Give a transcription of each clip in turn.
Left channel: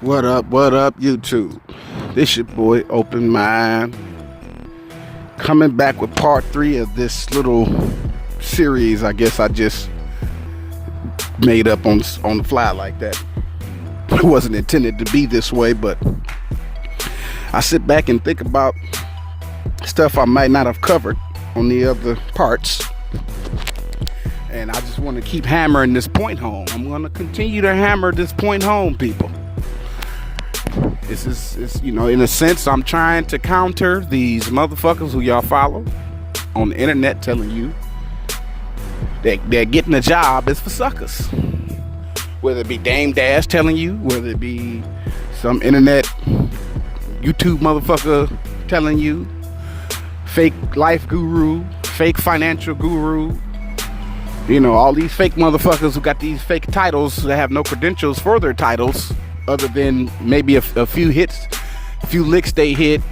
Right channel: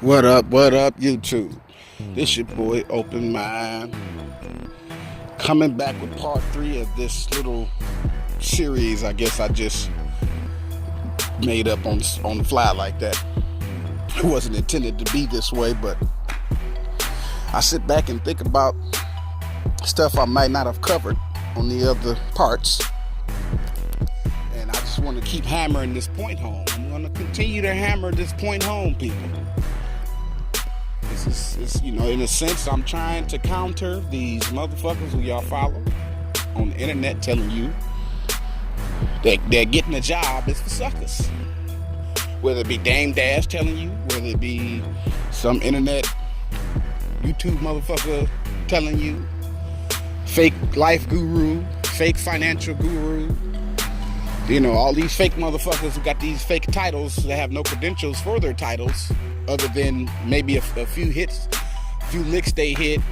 What up, YouTube? This your boy, Open Mind, coming back with part 3 of this little series. I guess I just made up on the fly like that. It wasn't intended to be this way, but I sit back and think about stuff I might not have covered on the other parts. And I just want to keep hammering this point home. I'm going to continue to hammer this point home, people. This is, in a sense, I'm trying to counter these motherfuckers who y'all follow on the internet telling you that they're getting a job is for suckers. Whether it be Dame Dash telling you, whether it be some internet YouTube motherfucker telling you, fake life guru, fake financial guru, all these fake motherfuckers who got these fake titles that have no credentials for their titles other than maybe a few hits, a few licks they hit,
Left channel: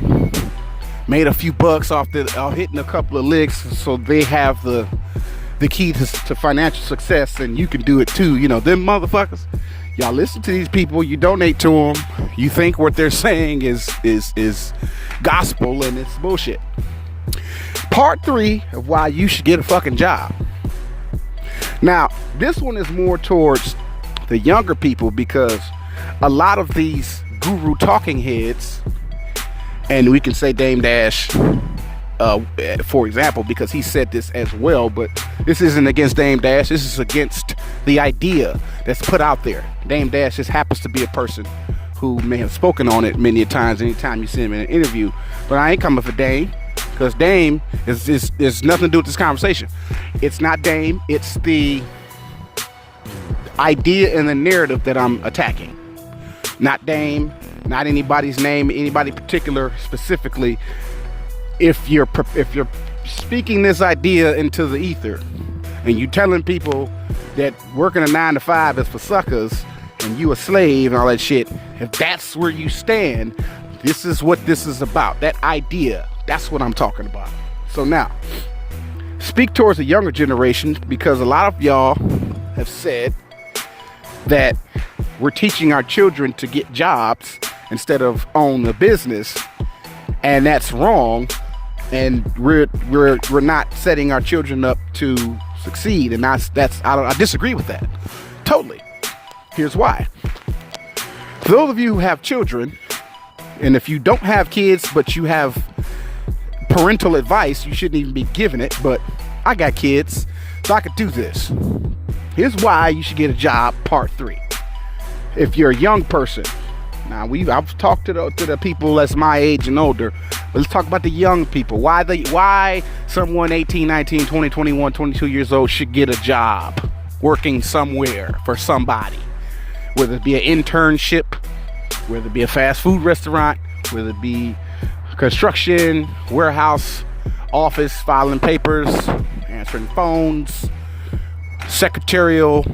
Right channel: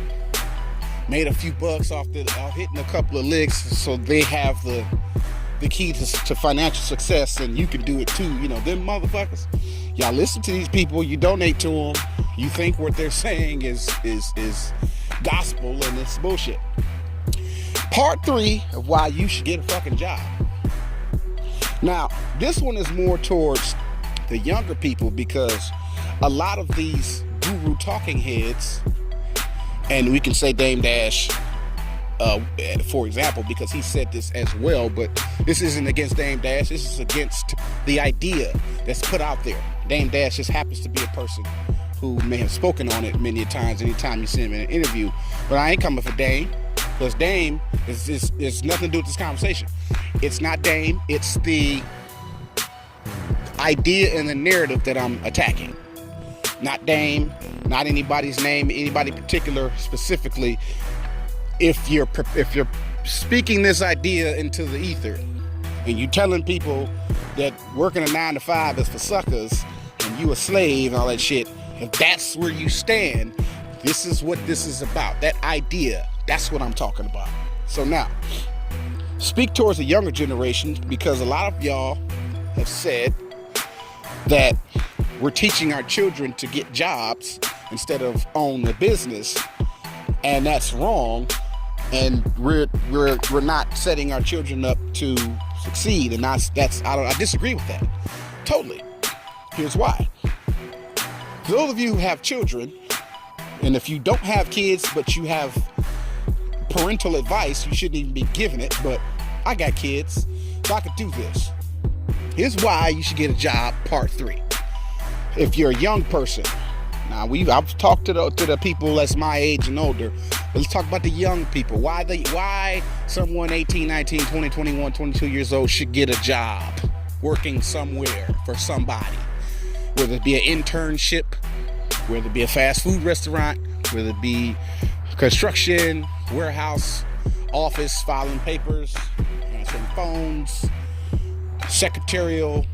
made a few bucks off hitting a couple of licks, so they have the key to financial success, and you can do it too. Them motherfuckers, y'all listen to these people, you donate to them, you think what they're saying is gospel, and it's bullshit. Part 3 of why you should get a fucking job. Now, this one is more towards the younger people, because a lot of these guru talking heads, and we can say Dame Dash, for example, because he said this as well, but this isn't against Dame Dash, this is against the idea that's put out there. Dame Dash just happens to be a person who may have spoken on it many times anytime you see him in an interview, but I ain't coming for Dame, because Dame is nothing to do with this conversation. It's not Dame, it's the idea and the narrative that I'm attacking. Not Dame, not anybody's name, anybody particular specifically. If you're speaking this idea into the ether, and you telling people that working a 9 to 5 is for suckers, and you a slave and all that shit, if that's where you stand, this is what this is about. That idea, that's what I'm talking about. So now, speak towards the younger generation, because a lot of y'all have said that we're teaching our children to get jobs instead of own a business, and that's wrong, and we're not setting our children up to succeed, and I disagree with that totally. Here's why. For those of you who have children, and if you don't have kids but you have parental advice, you shouldn't even be giving it, but I got kids, so I could do this. Here's why you should get a job, part 3. If you're a young person, now I've talked to the people that's my age and older, but let's talk about the young people. Why someone 18, 19, 20, 21, 22 years old should get a job working somewhere for somebody, whether it be an internship, whether it be a fast food restaurant, whether it be construction, warehouse, office, filing papers, answering phones, secretarial,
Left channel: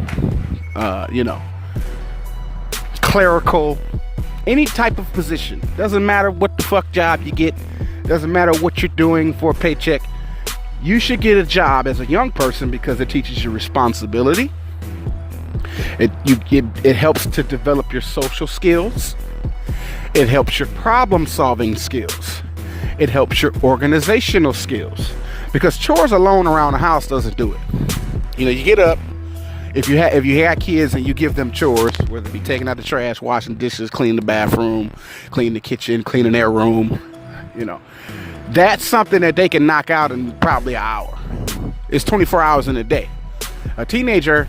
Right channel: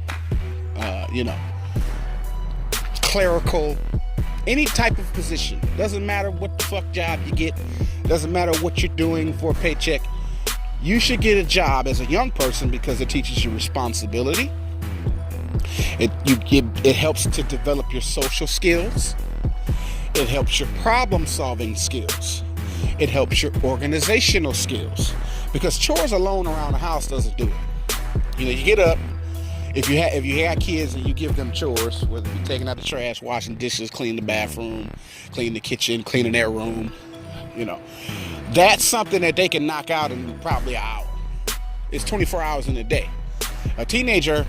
clerical, any type of position. Doesn't matter what the fuck job you get, doesn't matter what you're doing for a paycheck. You should get a job as a young person, because it teaches you responsibility. It helps to develop your social skills. It helps your problem solving skills. It helps your organizational skills, because chores alone around the house doesn't do it. You get up, if you have kids and you give them chores, whether it be taking out the trash, washing dishes, cleaning the bathroom, cleaning the kitchen, cleaning their room, that's something that they can knock out in probably an hour. It's 24 hours in a day. A teenager,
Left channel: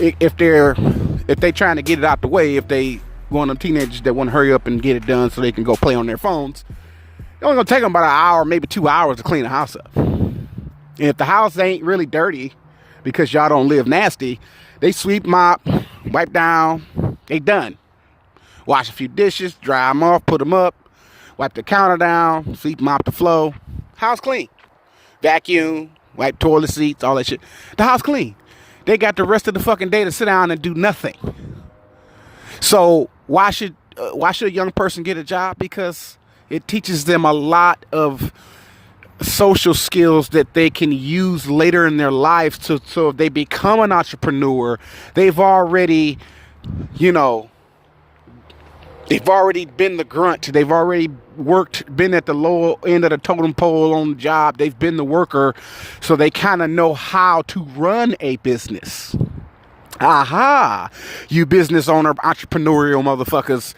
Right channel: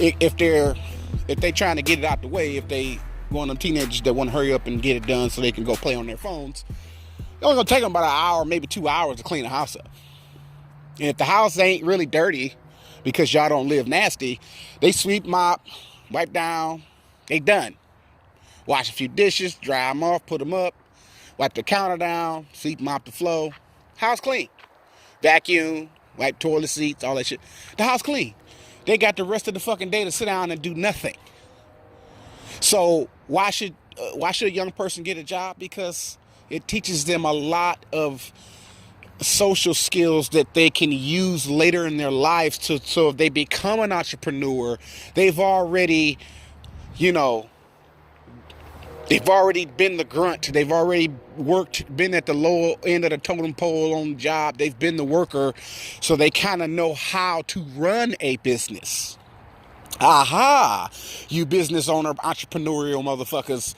if they trying to get it out the way, if they one of them teenagers that want to hurry up and get it done so they can go play on their phones, it's only gonna take them about an hour, maybe 2 hours to clean the house up. And if the house ain't really dirty, because y'all don't live nasty, they sweep, mop, wipe down, they done. Wash a few dishes, dry them off, put them up, wipe the counter down, sweep, mop the floor, house clean. Vacuum, wipe toilet seats, all that shit. The house clean. They got the rest of the fucking day to sit down and do nothing. So why should a young person get a job? Because it teaches them a lot of social skills that they can use later in their lives, so if they become an entrepreneur, they've already, They've already been the grunt. They've already been at the lower end of the totem pole on the job. They've been the worker. So they kind of know how to run a business. Aha, you business owner, entrepreneurial motherfuckers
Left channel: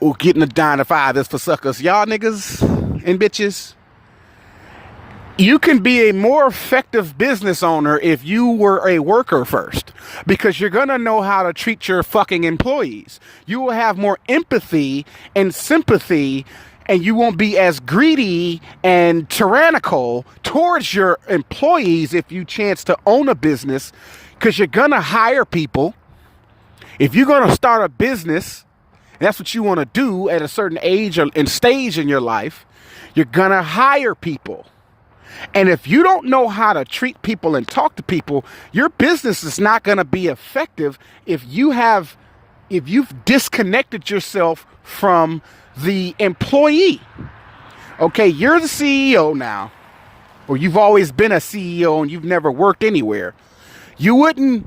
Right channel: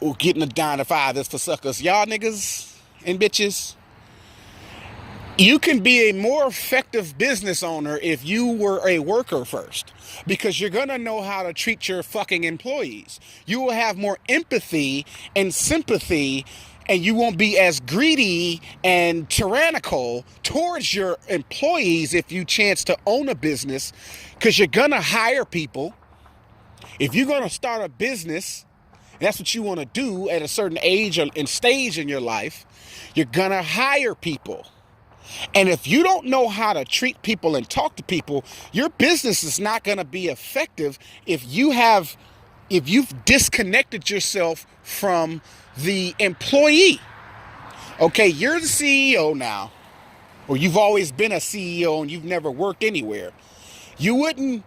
who getting a 9 to 5 is for suckers. Y'all niggas and bitches. You can be a more effective business owner if you were a worker first, because you're going to know how to treat your fucking employees. You will have more empathy and sympathy, and you won't be as greedy and tyrannical towards your employees if you chance to own a business, because you're going to hire people. If you're going to start a business, that's what you want to do at a certain age and stage in your life, you're going to hire people. And if you don't know how to treat people and talk to people, your business is not going to be effective if you've disconnected yourself from the employee. Okay, you're the CEO now, or you've always been a CEO and you've never worked anywhere. You wouldn't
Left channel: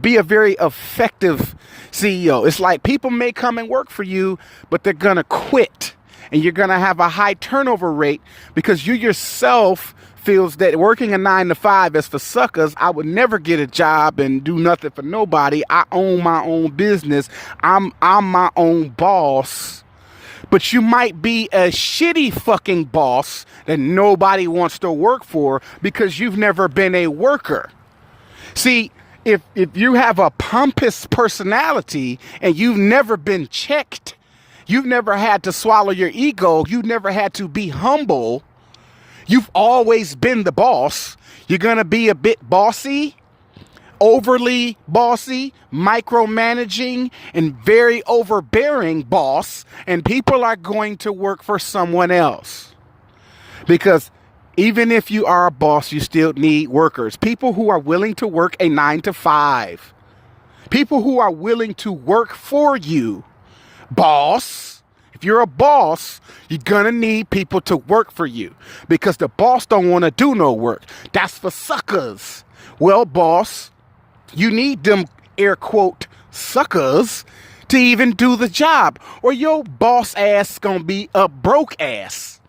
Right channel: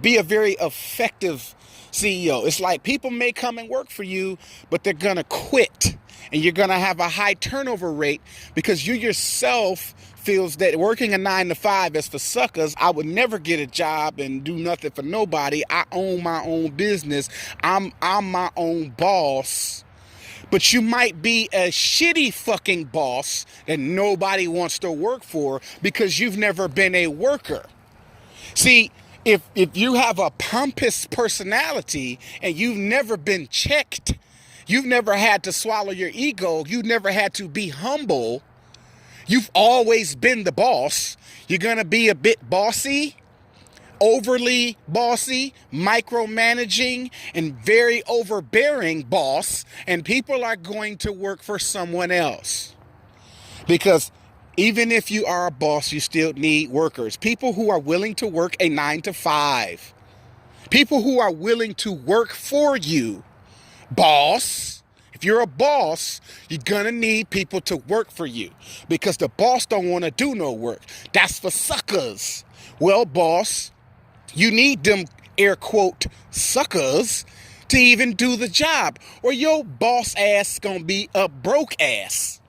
be a very effective CEO. It's like people may come and work for you, but they're going to quit. And you're going to have a high turnover rate because you yourself feels that working a 9 to 5 is for suckers. I would never get a job and do nothing for nobody. I own my own business. I'm my own boss. But you might be a shitty fucking boss that nobody wants to work for because you've never been a worker. See, if you have a pompous personality and you've never been checked, you've never had to swallow your ego, you've never had to be humble, you've always been the boss, you're going to be a bit bossy, overly bossy, micromanaging, and very overbearing boss, and people are going to work for someone else. Because even if you are a boss, you still need workers. People who are willing to work a 9 to 5. People who are willing to work for you. Boss, if you're a boss, you're gonna need people to work for you because the boss don't want to do no work. That's for suckers. Well, boss, you need them air quote suckers to even do the job, or your boss ass gonna be a broke ass.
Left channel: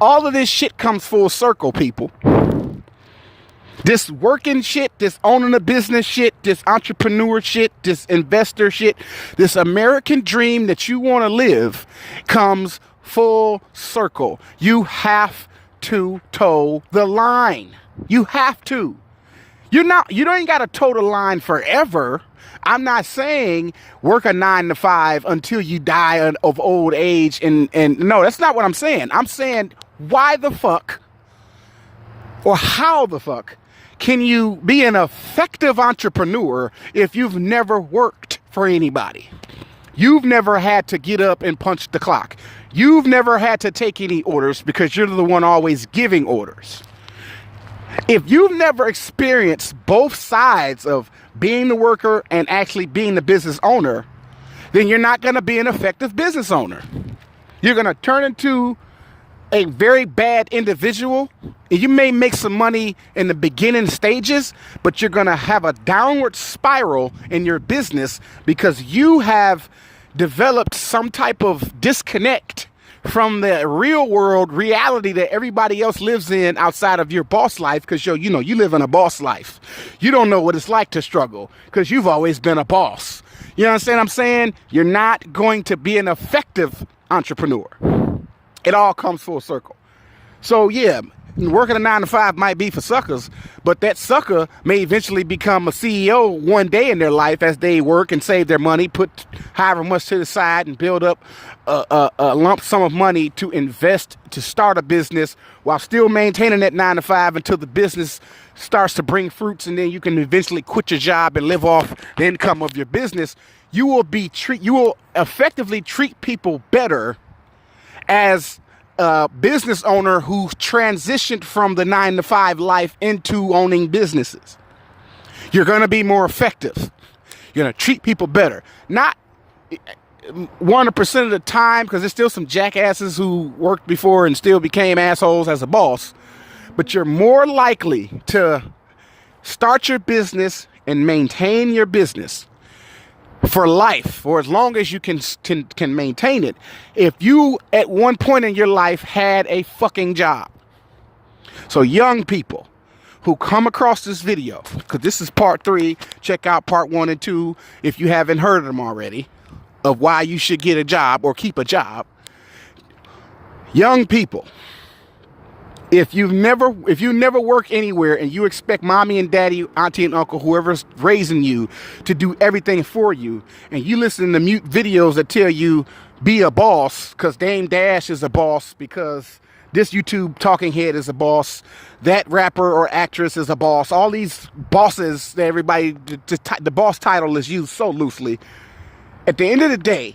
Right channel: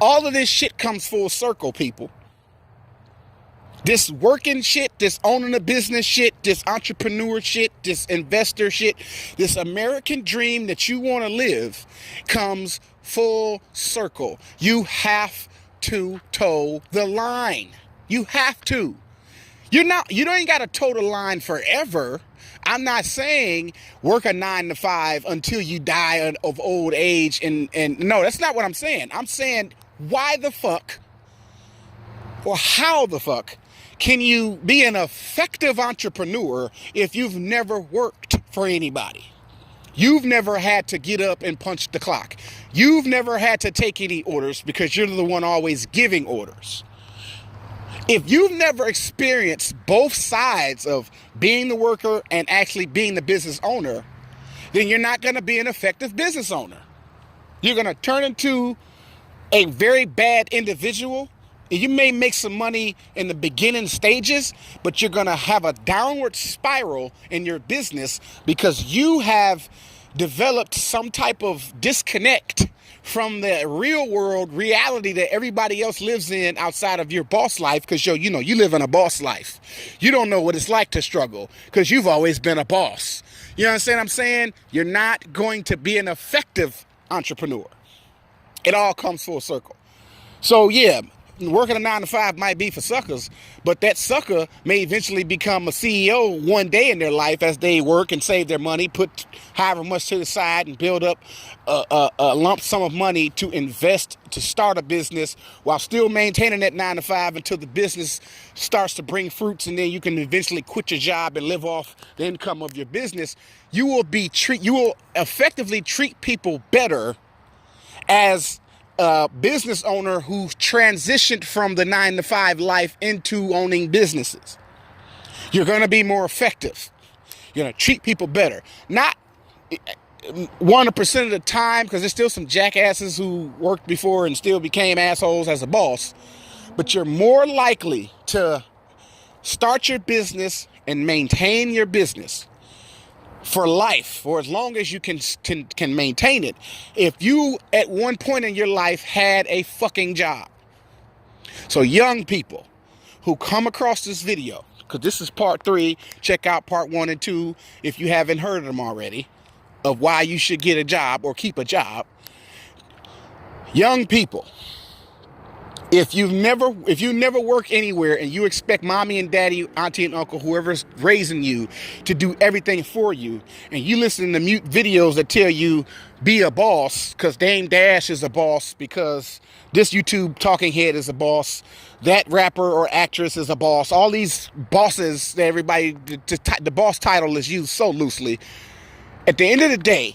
All of this shit comes full circle, people. This working shit, this owning a business shit, this entrepreneur shit, this investor shit, this American dream that you want to live comes full circle. You have to toe the line. You have to. You don't got to toe the line forever. I'm not saying work a 9 to 5 until you die of old age. And no, that's not what I'm saying. I'm saying, why the fuck or how the fuck can you be an effective entrepreneur if you've never worked for anybody? You've never had to get up and punch the clock. You've never had to take any orders because you're the one always giving orders. If you've never experienced both sides of being the worker and actually being the business owner, then you're not going to be an effective business owner. You're going to turn into a very bad individual. You may make some money in the beginning stages, but you're going to have a downward spiral in your business because you have developed some type of disconnect from the real world reality that everybody else lives in outside of your boss life, because you live in a boss life. You don't know what it's like to struggle because you've always been a boss. You understand what I'm saying? You're not going to be an effective entrepreneur. It all comes full circle. So yeah, working a 9 to 5 might be for suckers, but that sucker may eventually become a CEO one day in their life as they work and save their money, put however much to the side and build up a lump sum of money to invest to start a business while still maintaining that 9 to 5 until the business starts to bring fruits, and then you can eventually quit your job and live off the income of your business. You will effectively treat people better as a business owner who transitioned from the 9 to 5 life into owning businesses. You're going to be more effective. You're going to treat people better. Not 100% of the time, because there's still some jackasses who worked before and still became assholes as a boss. But you're more likely to start your business and maintain your business for life, for as long as you can maintain it. If you at one point in your life had a fucking job. So young people who come across this video, because this is part 3, check out part 1 and 2 if you haven't heard them already, of why you should get a job or keep a job. Young people, if you never work anywhere and you expect mommy and daddy, auntie and uncle, whoever's raising you, to do everything for you, and you listen to mute videos that tell you be a boss because Dame Dash is a boss, because this YouTube talking head is a boss, that rapper or actress is a boss, all these bosses that everybody, the boss title is used so loosely. At the end of the day,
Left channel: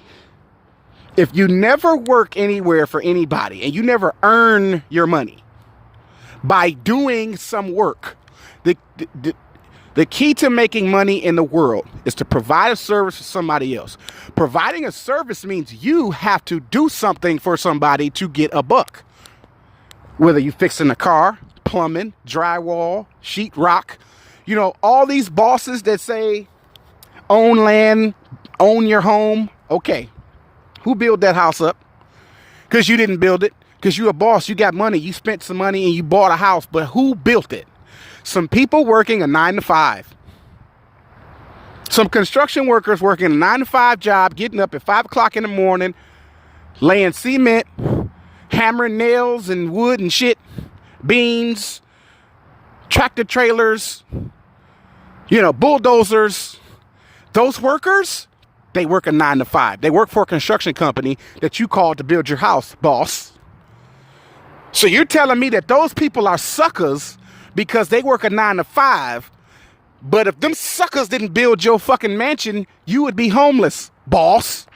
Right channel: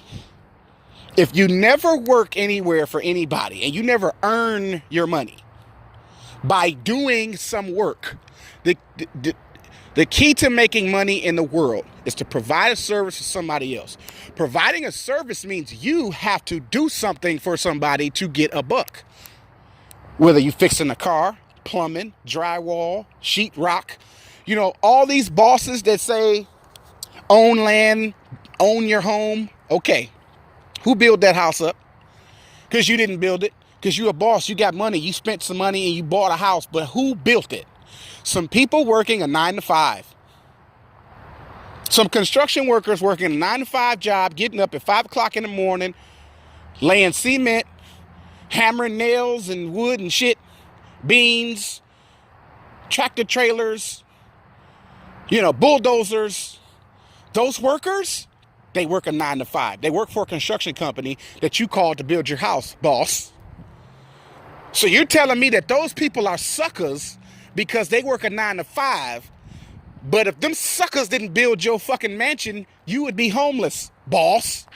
if you never work anywhere for anybody and you never earn your money by doing some work, the key to making money in the world is to provide a service for somebody else. Providing a service means you have to do something for somebody to get a buck. Whether you fixing a car, plumbing, drywall, sheetrock, you know, all these bosses that say own land, own your home. Okay, who built that house up? Because you didn't build it. Because you're a boss, you got money, you spent some money and you bought a house, but who built it? Some people working a 9-to-5. Some construction workers working a 9-to-5 job, getting up at 5 o'clock in the morning, laying cement, hammering nails and wood and shit, beams, tractor trailers, you know, bulldozers. Those workers, they work a 9-to-5. They work for a construction company that you called to build your house, boss. So you're telling me that those people are suckers because they work a 9-to-5, but if them suckers didn't build your fucking mansion, you would be homeless, boss.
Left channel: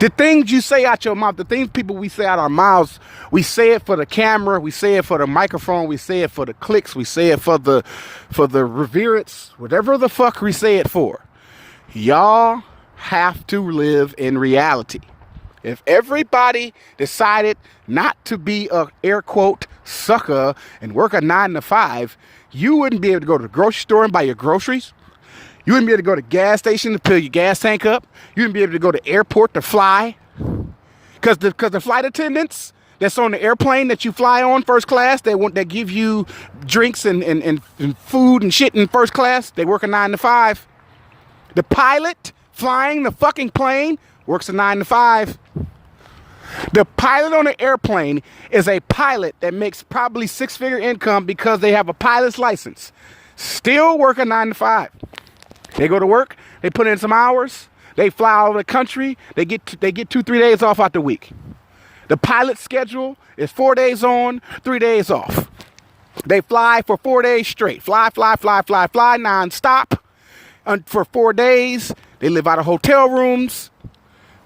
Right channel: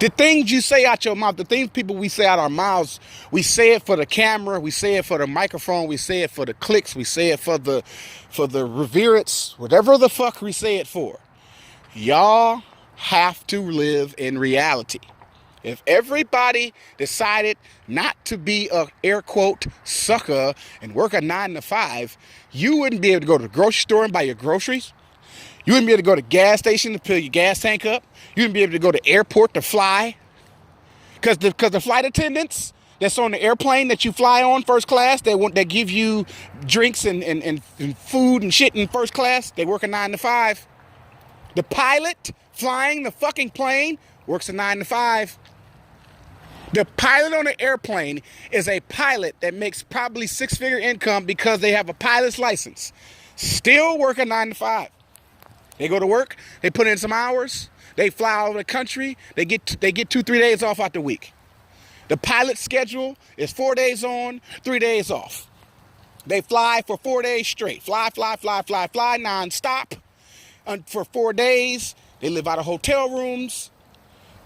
The things you say out your mouth, the things people we say out our mouths, we say it for the camera, we say it for the microphone, we say it for the clicks, we say it for the reverence, whatever the fuck we say it for. Y'all have to live in reality. If everybody decided not to be a air quote sucker and work a 9-to-5, you wouldn't be able to go to the grocery store and buy your groceries. You wouldn't be able to go to the gas station to fill your gas tank up. You wouldn't be able to go to the airport to fly. Because the flight attendants that's on the airplane that you fly on first class, they give you drinks and food and shit in first class. They work a 9-to-5. The pilot flying the fucking plane works a 9-to-5. The pilot on the airplane is a pilot that makes probably 6-figure income because they have a pilot's license. Still work a 9-to-5. They go to work, they put in some hours, they fly all over the country, they get 2-3 days off out the week. The pilot's schedule is 4 days on, 3 days off. They fly for 4 days straight. Fly, nonstop. For 4 days, they live out of hotel rooms.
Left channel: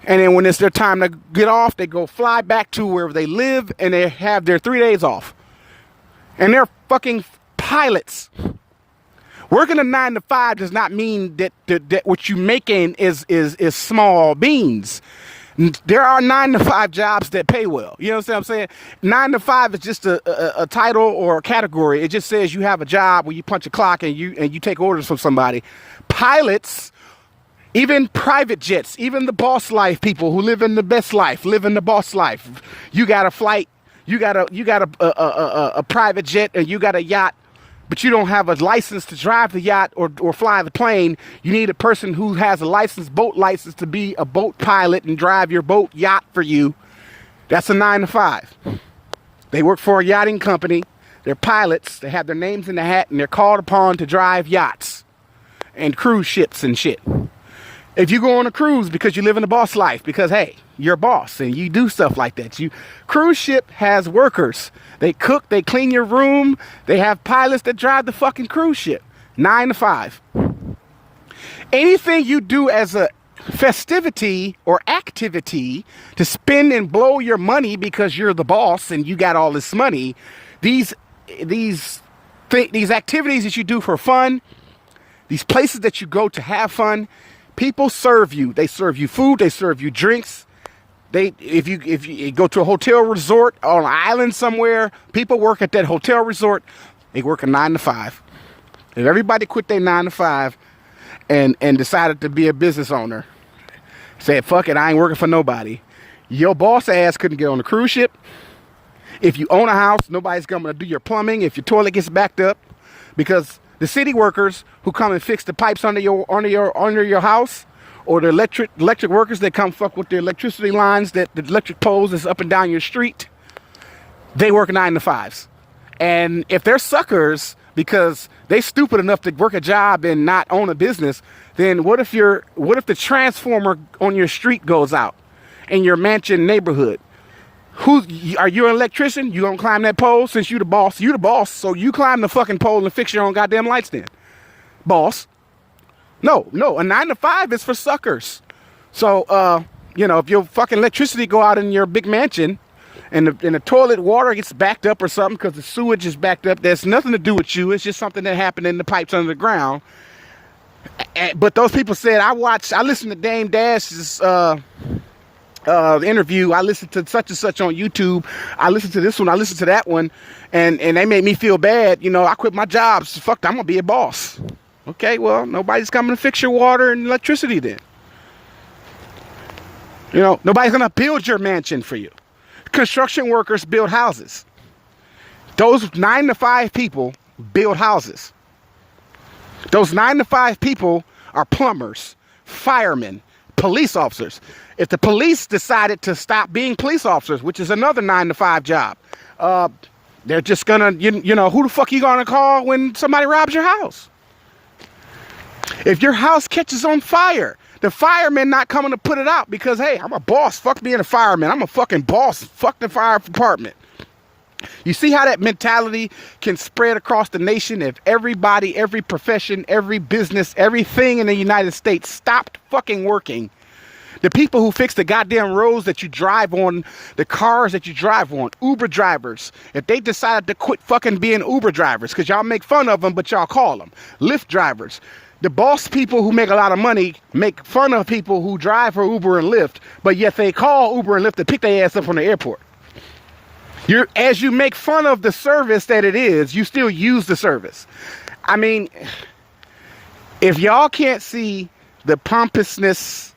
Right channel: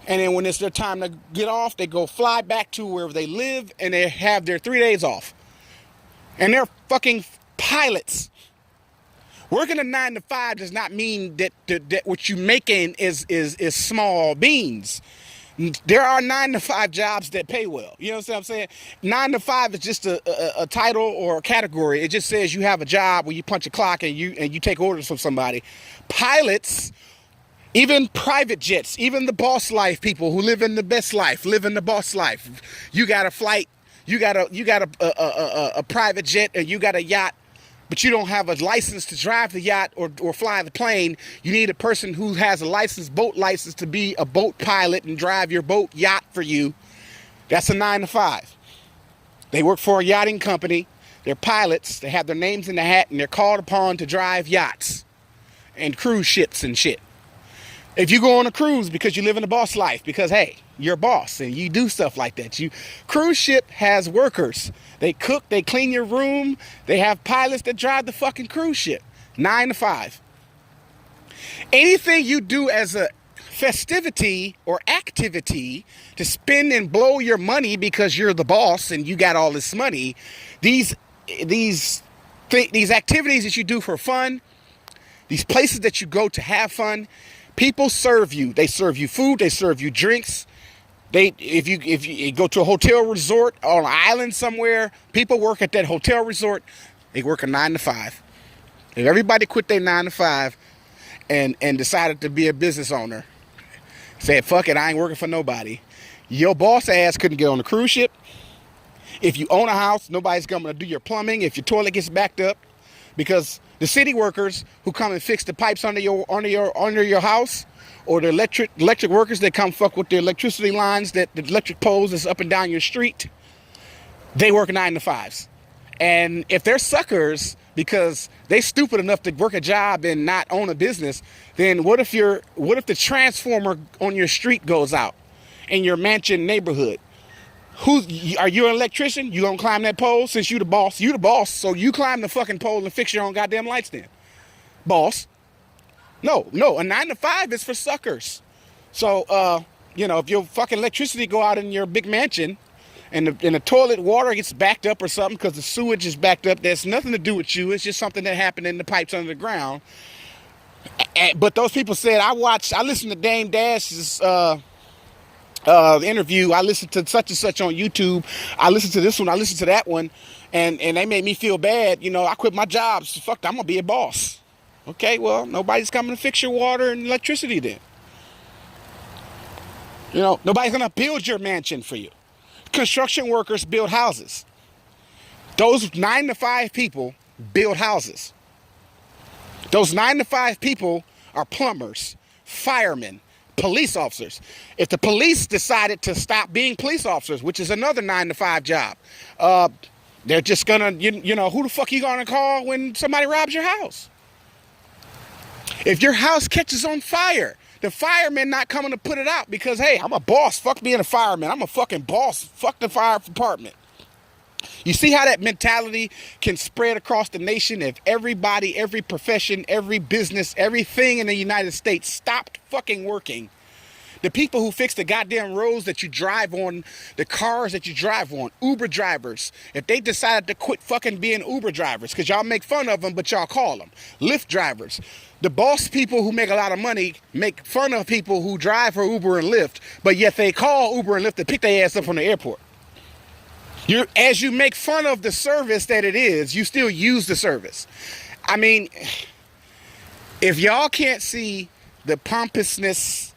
And then when it's their time to get off, they go fly back to wherever they live and they have their 3 days off. And they're fucking pilots. Working a 9-to-5 does not mean that what you making is small beans. There are 9-to-5 jobs that pay well. You know what I'm saying? 9-to-5 is just a title or a category. It just says you have a job where you punch a clock and you take orders from somebody. Pilots, even private jets, even the boss life people who live in the best life, live in the boss life. You got a flight, you got a private jet, and you got a yacht, but you don't have a license to drive the yacht or fly the plane. You need a person who has a license, boat license, to be a boat pilot and drive your boat yacht for you. That's a 9-to-5. They work for a yachting company. They're pilots. They have their names in the hat, and they're called upon to drive yachts and cruise ships and shit. If you go on a cruise because you live in the boss life, because, hey, you're a boss and you do stuff like that. Cruise ship has workers. They cook, they clean your room. They have pilots that drive the fucking cruise ship. 9-to-5. Anything you do as a festivity or activity to spend and blow your money because you're the boss and you got all this money, these activities that you do for fun, these places that you go to have fun, people serve you. They serve you food. They serve you drinks. If you go to a hotel resort on an island somewhere, people work at that hotel resort. They work a 9-to-5. If everybody quit their 9-to-5 and decided to be a business owner. Said, fuck it, I ain't working for nobody. Your boss ass couldn't get on a cruise ship. If you own a house, nobody's going to do your plumbing. If your toilet gets backed up, because the city workers who come and fix the pipes under your house, or the electric workers that come fuck with the electricity lines, that the electric poles that's up and down your street, they work 9 to 5s. And if they're suckers because they stupid enough to work a job and not own a business, then what if the transformer on your street goes out in your mansion neighborhood? Are you an electrician? You gonna climb that pole? Since you the boss, so you climb the fucking pole and fix your own goddamn lights then, boss. No, a 9 to 5 is for suckers. So, if your fucking electricity go out in your big mansion and the toilet water gets backed up or something because the sewage is backed up, there's nothing to do with you. It's just something that happened in the pipes under the ground. But those people said, I listened to Dame Dash's interview. I listened to such and such on YouTube. I listened to this one. I listened to that one. And they made me feel bad. I quit my job. So fuck, I'm going to be a boss. Okay, well, nobody's coming to fix your water and electricity then. Nobody's going to build your mansion for you. Construction workers build houses. Those 9 to 5 people build houses. Those 9 to 5 people are plumbers, firemen, police officers. If the police decided to stop being police officers, which is another 9 to 5 job, they're just gonna, who the fuck you gonna call when somebody robs your house? If your house catches on fire, the firemen not coming to put it out because, hey, I'm a boss. Fuck being a fireman. I'm a fucking boss. Fuck the fire department. You see how that mentality can spread across the nation if everybody, every profession, every business, everything in the United States stopped fucking working. The people who fix the goddamn roads that you drive on, the cars that you drive on, Uber drivers, if they decided to quit fucking being Uber drivers, because y'all make fun of them, but y'all call them Lyft drivers. The boss people who make a lot of money make fun of people who drive for Uber and Lyft, but yet they call Uber and Lyft to pick their ass up from the airport. As you make fun of the service that it is, you still use the service. I mean, if y'all can't see the pompousness,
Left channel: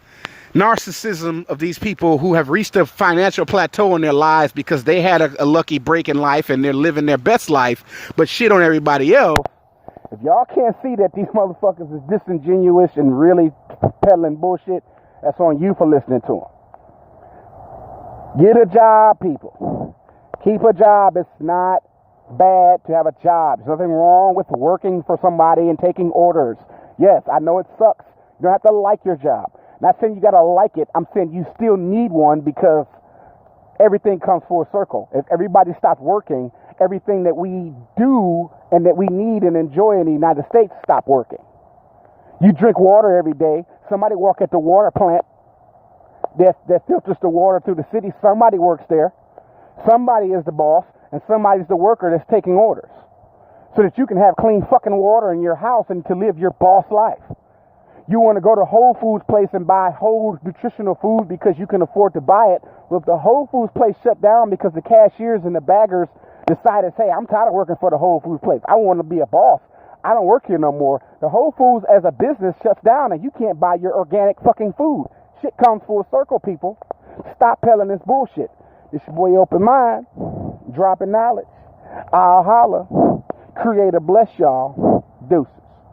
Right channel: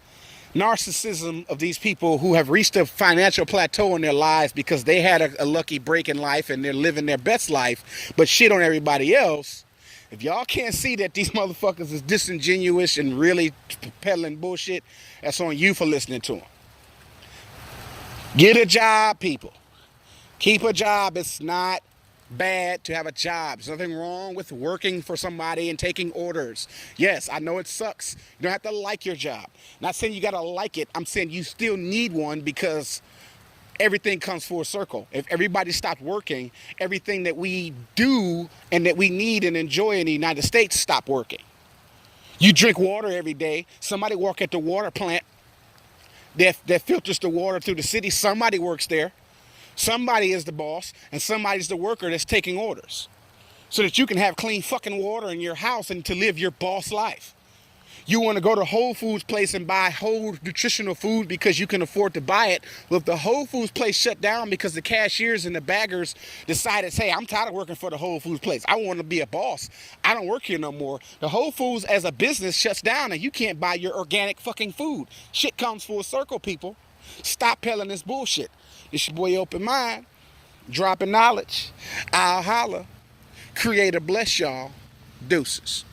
narcissism of these people who have reached a financial plateau in their lives because they had a lucky break in life and they're living their best life, but shit on everybody else. If y'all can't see that these motherfuckers is disingenuous and really peddling bullshit, that's on you for listening to them. Get a job, people. Keep a job. It's not bad to have a job. There's nothing wrong with working for somebody and taking orders. Yes, I know it sucks. You don't have to like your job. Not saying you got to like it. I'm saying you still need one because everything comes full circle. If everybody stopped working, everything that we do and that we need and enjoy in the United States stopped working. You drink water every day. Somebody work at the water plant that filters the water through the city. Somebody works there. Somebody is the boss and somebody's the worker that's taking orders so that you can have clean fucking water in your house and to live your boss life. You want to go to Whole Foods place and buy whole nutritional food because you can afford to buy it. Well, if the Whole Foods place shut down because the cashiers and the baggers decided, hey, I'm tired of working for the Whole Foods place. I want to be a boss. I don't work here no more. The Whole Foods as a business shuts down and you can't buy your organic fucking food. Shit comes full circle, people. Stop peddling this bullshit. It's your boy Open Mind, dropping knowledge. I'll holla. Creator bless y'all. Deuces.